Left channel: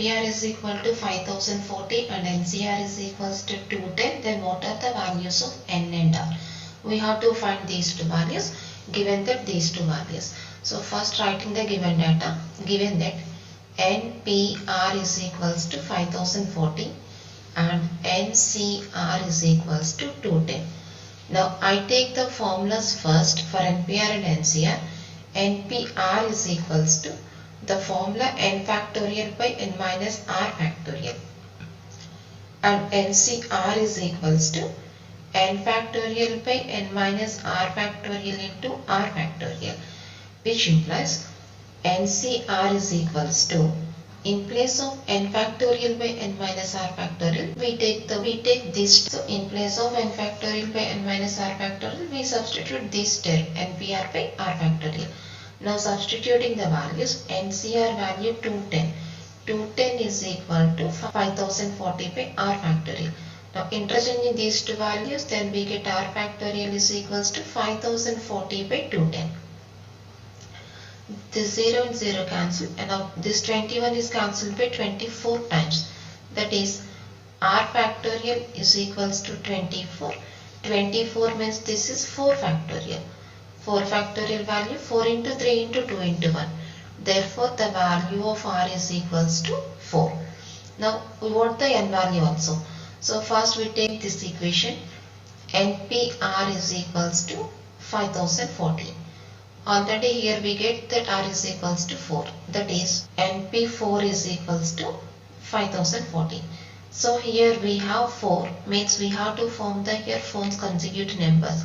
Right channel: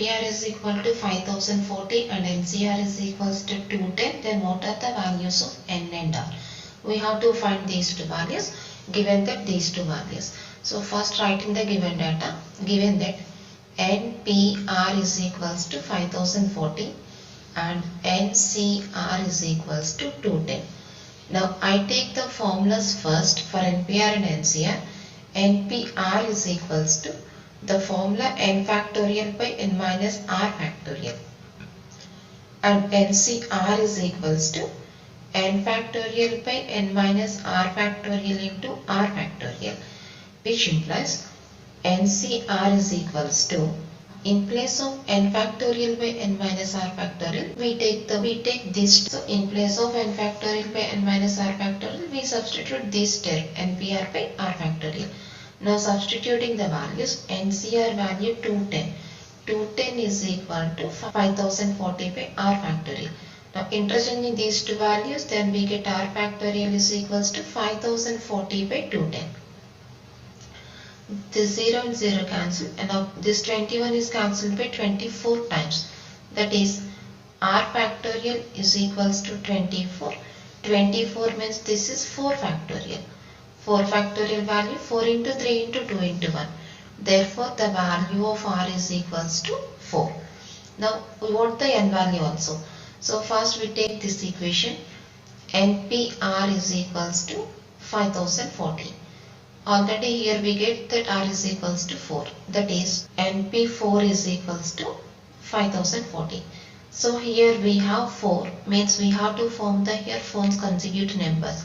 NPR is equal to 5040 and NCR is equals to 210, then what are the values of N and R? We have to find these two values given that these two values. So first writing the given data, given that NPR is equals to 5040 and NCR is equals to 210. Now I take the formulas first for NPR and NCR. NPR is equals to the formula n factorial by n minus r factorial, and NCR is equals to n factorial by n minus r factorial into r factorial, which implies NCR is equals to, in place of n factorial by n minus r factorial, we take this. So in place of n factorial by n minus r factorial, we substitute this term NPR by r factorial. Now substituting the values, NCR value 210. 210 is equal to 5040 by r factorial. Now interchanging these two values, then we get r factorial is equals to 5040 by 210. This 0 and 0 cancel, and now this 21 is cancelled by 24 times. That is r factorial is equals to 24. 24 means this is 4 factorial. 4 factorial value 4 into 3 into 2 into 1. Therefore, the value of r is equals to 4. Now, we want the n value also. So, first we take this equation. NPR is equals to 5040. Already here we get that r is equals to 4. That is, NP4 is equals to 5040. So, here we have 4. Means we have to form the here 4 consecutive numbers.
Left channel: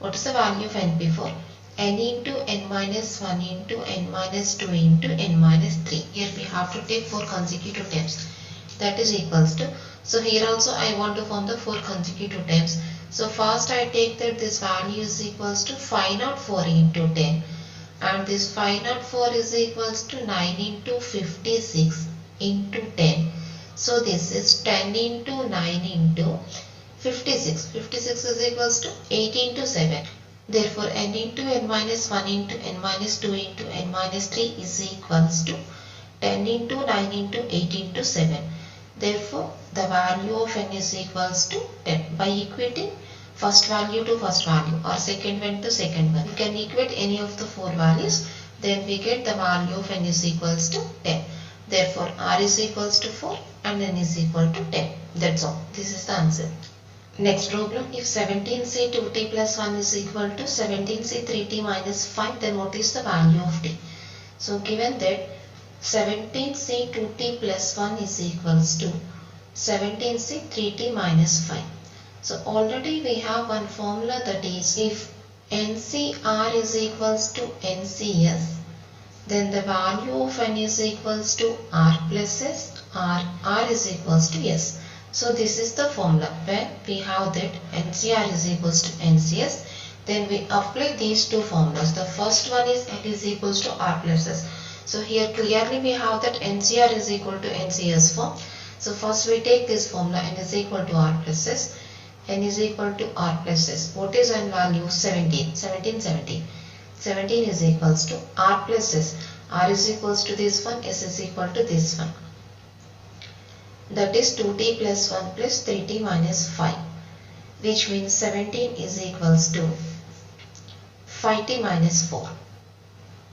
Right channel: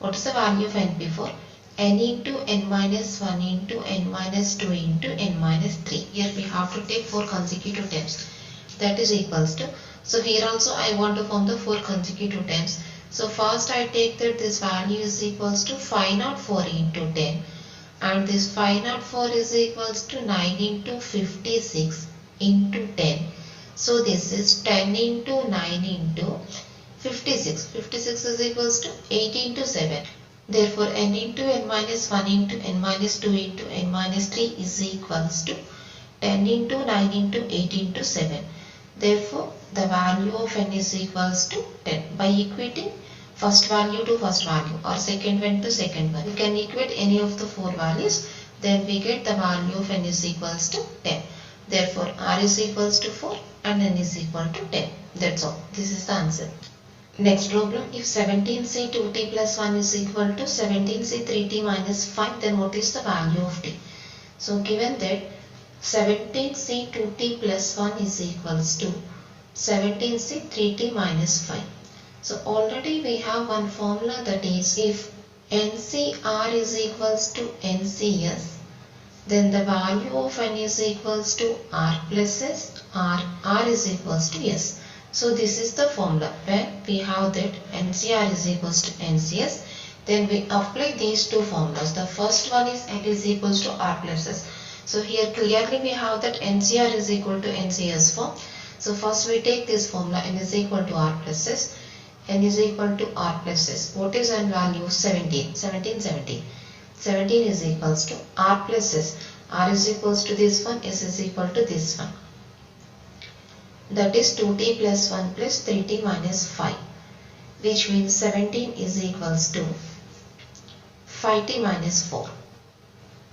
What is the value of NP4? N into n minus 1 into n minus 2 into n minus 3. Here we have to take 4 consecutive terms. That is equals to. So here also I want to form the 4 consecutive terms. So first I take that this value is equals to 504 into 10. And this 504 is equals to 9 into 56 into 10. So this is 10 into 9 into 56. 56 is equals to 8 into 7. Therefore, n into n minus 1 into n minus 2 into n minus 3 is equals to 10 into 9 into 8 into 7. Therefore, the value of n is equals to 10. By equating first value to first value or second one to second one, we can equate any of the 4 values. Then we get the value of n is equals to 10. Therefore, r is equals to 4 and n is equal to 10. That's all. This is the answer. Next problem, if 17c 2t plus 1 is equal to 17c 3t minus 5, then what is the value of t? So given that 17c 2t plus 1 is equals to 17c 3t minus 5. So already we have one formula, that is, if NCR is equals to NCS, then the value of n is equals to r plus s, r is equals to s. So this is the formula. When we have that NCR is equals to NCS, then we apply these two formulas. The first one is n is equals to r plus s. So here clearly we have that NCR is equal to NCS form. So first we take this formula, n is equal to r plus s. N is equal to r plus s. What is n value? 17. 17 is equals to r plus s. R is equals to this one, s is equal to this one. That is 2t plus 1 plus 3t minus 5, which means 17 is equals to 5t minus 4.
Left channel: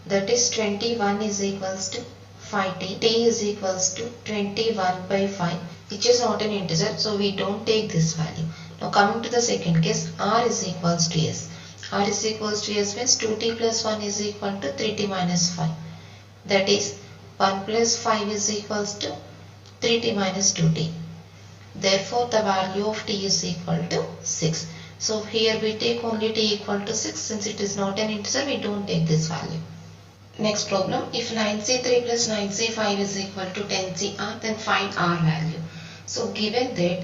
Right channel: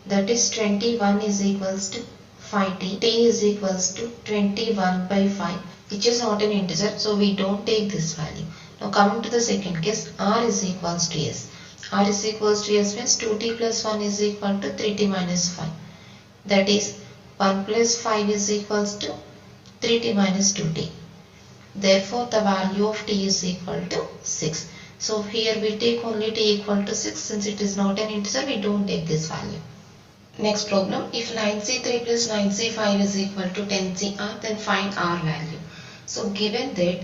That is 21 is equals to 5t. T is equals to 21 by 5, which is not an integer, so we don't take this value. Now coming to the second case, r is equals to s. R is equals to s means 2t plus 1 is equal to 3t minus 5. That is 1 plus 5 is equals to 3t minus 2t. Therefore, the value of t is equal to 6. So, here we take only t equal to 6. Since it is not an integer, we don't take this value. Next problem, if 9c3 plus 9c5 is equal to 10cr, then find r value. So, given that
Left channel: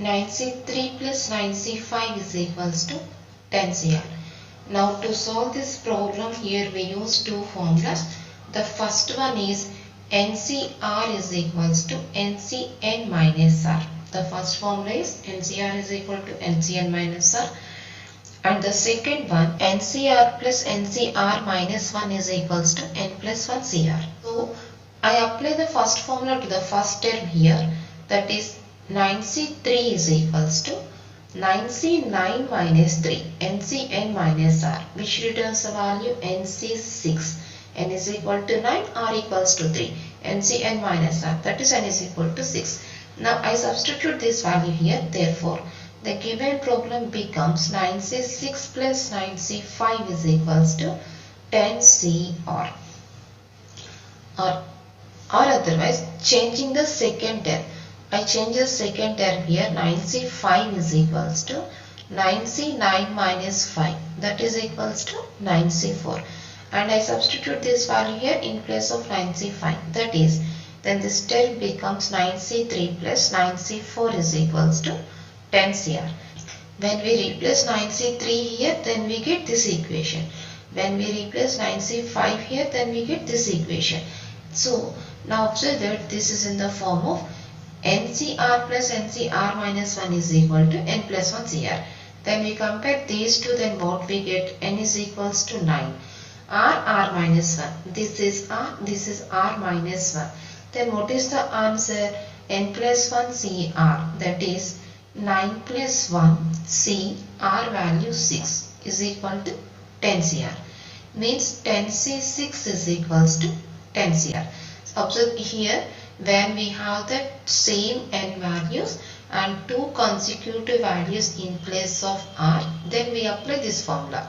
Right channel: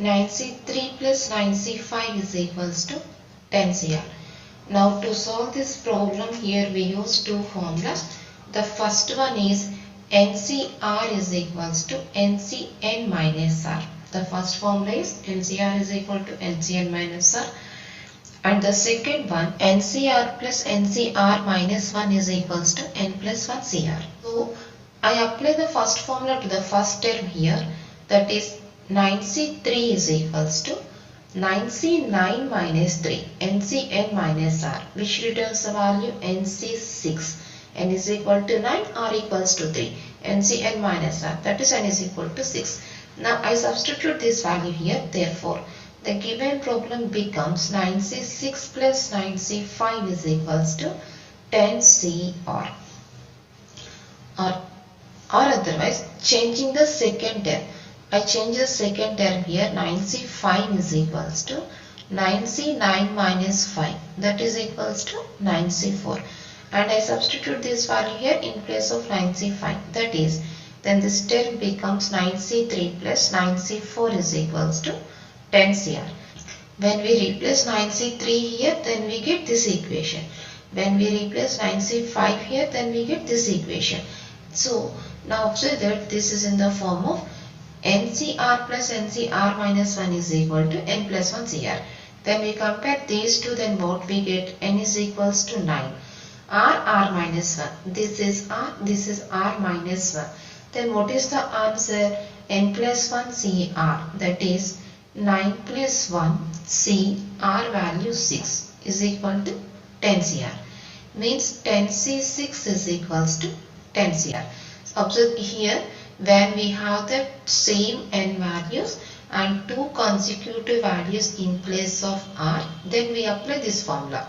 9c3 plus 9c5 is equals to 10cr. Now, to solve this problem, here we use two formulas. The first one is NCR is equals to NCN minus R. The first formula is NCR is equal to NCN minus R. And the second one, NCR plus NCR minus 1 is equals to N plus 1 CR. So, I apply the first formula to the first term here, that is 9C3 is equals to 9C9 minus 3 NCn minus R, which returns the value NC6. N is equal to 9, R equals to 3, NCn minus R, that is N is equal to 6. Now I substitute this value here, therefore the given problem becomes 9C6 plus 9C5 is equals to 10CR. Or otherwise changing the second term, I change the second term here. 9C5 is equals to 9C9 minus 5, that is equals to 9C4, and I substitute this value here in place of 9C5, that is, then this term becomes 9C3 plus 9C4 is equals to 10CR. When we replace 9C3 here, then we get this equation. When we replace 9C5 here, then we get this equation. So now observe that this is in the form of NCR plus NCR minus 1 is equal to N plus 1 CR. Then we compare these two, then what we get? N is equals to 9. R minus 1. This is R minus 1. Then what is the answer? N plus 1 CR, that is 9 plus 1 C, R value 6 is equal to 10 CR. Means 10C6 is equals to 10 CR. Observe here, when we have the same n values and two consecutive values in place of R, then we apply this formula.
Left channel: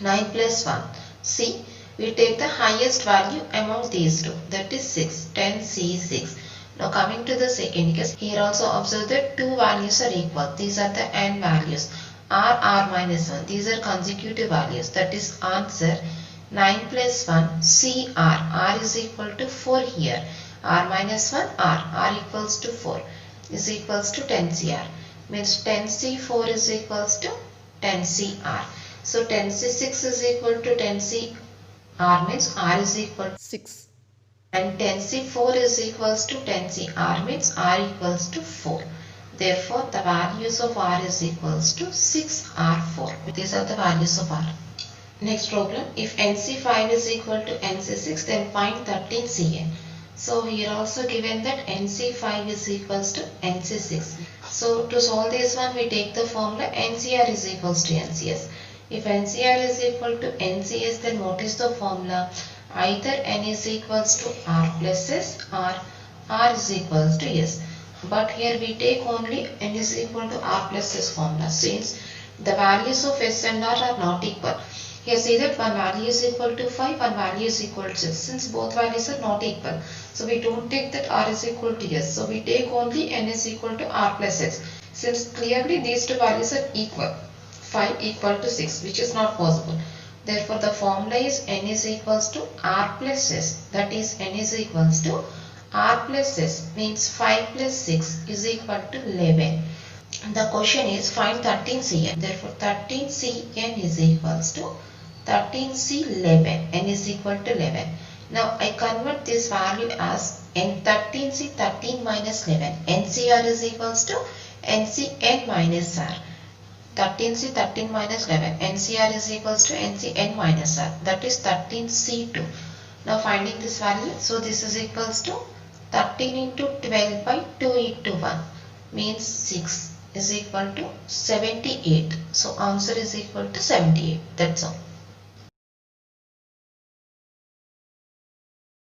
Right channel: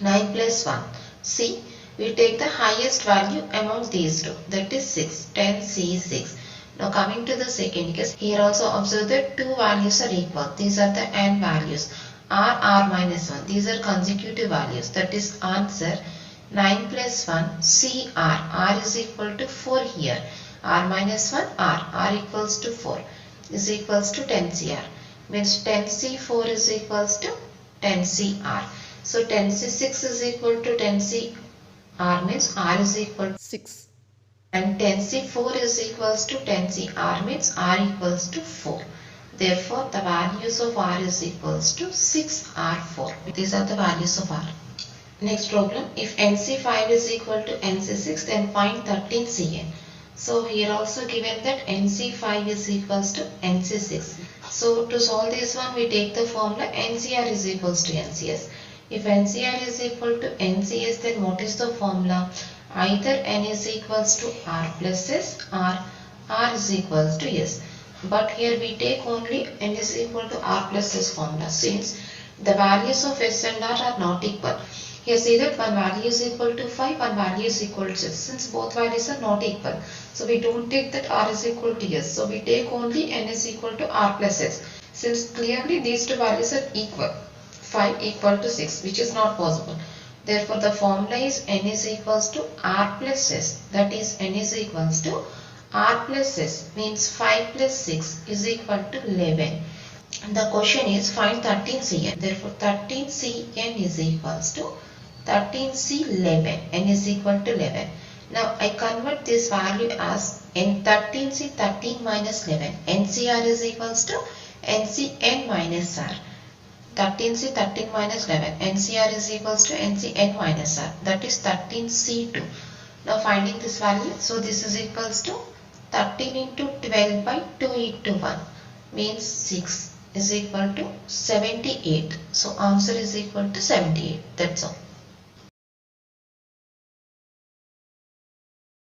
9 plus 1. See, we take the highest value among these two, that is 6, 10C6. Now coming to the second case, here also observe that two values are equal. These are the n values. R minus 1. These are consecutive values, that is answer 9 plus 1 CR. R is equal to 4 here. R minus 1 R equals to 4 is equals to 10 CR. Means 10C4 is equals to 10 CR. So 10C6 is equal to 10 CR means R is equal to 6. And 10C4 is equals to 10 CR means R equals to 4. Therefore, the values of R is equals to 6R4. These are the values of R. Next problem, if NC5 is equal to NC6, then find 13CN. So here also given that NC5 is equals to NC6. So to solve this one, we take the formula NCR is equals to NCS. If NCR is equal to NCS, then what is the formula? Either N is equals to R plus S or R is equals to S. But here we take only N is equal to R plus S formula, since the values of S and R are not equal. Here see that one value is equal to 5, one value is equal to 6. Since both values are not equal, so we don't take that R is equal to S. So we take only N is equal to R plus S. Since clearly these two values are equal, 5 equal to 6, which is not possible. Therefore the formula is N is equals to R plus S. That is N is equals to R plus S, means 5 plus 6 is equal to 11. The question is find 13CN. Therefore 13CN is equals to 13C11. N is equal to 11. Now I convert this value as N 13C 13 minus 11. NCR is equals to NCN minus R. 13C 13 minus 11. NCR is equals to NCN minus R. That is 13C2. Now finding this value. So this is equals to 13 into 12 by 2 into 1 means 6 is equal to 78. So answer is equal to 78. That's all.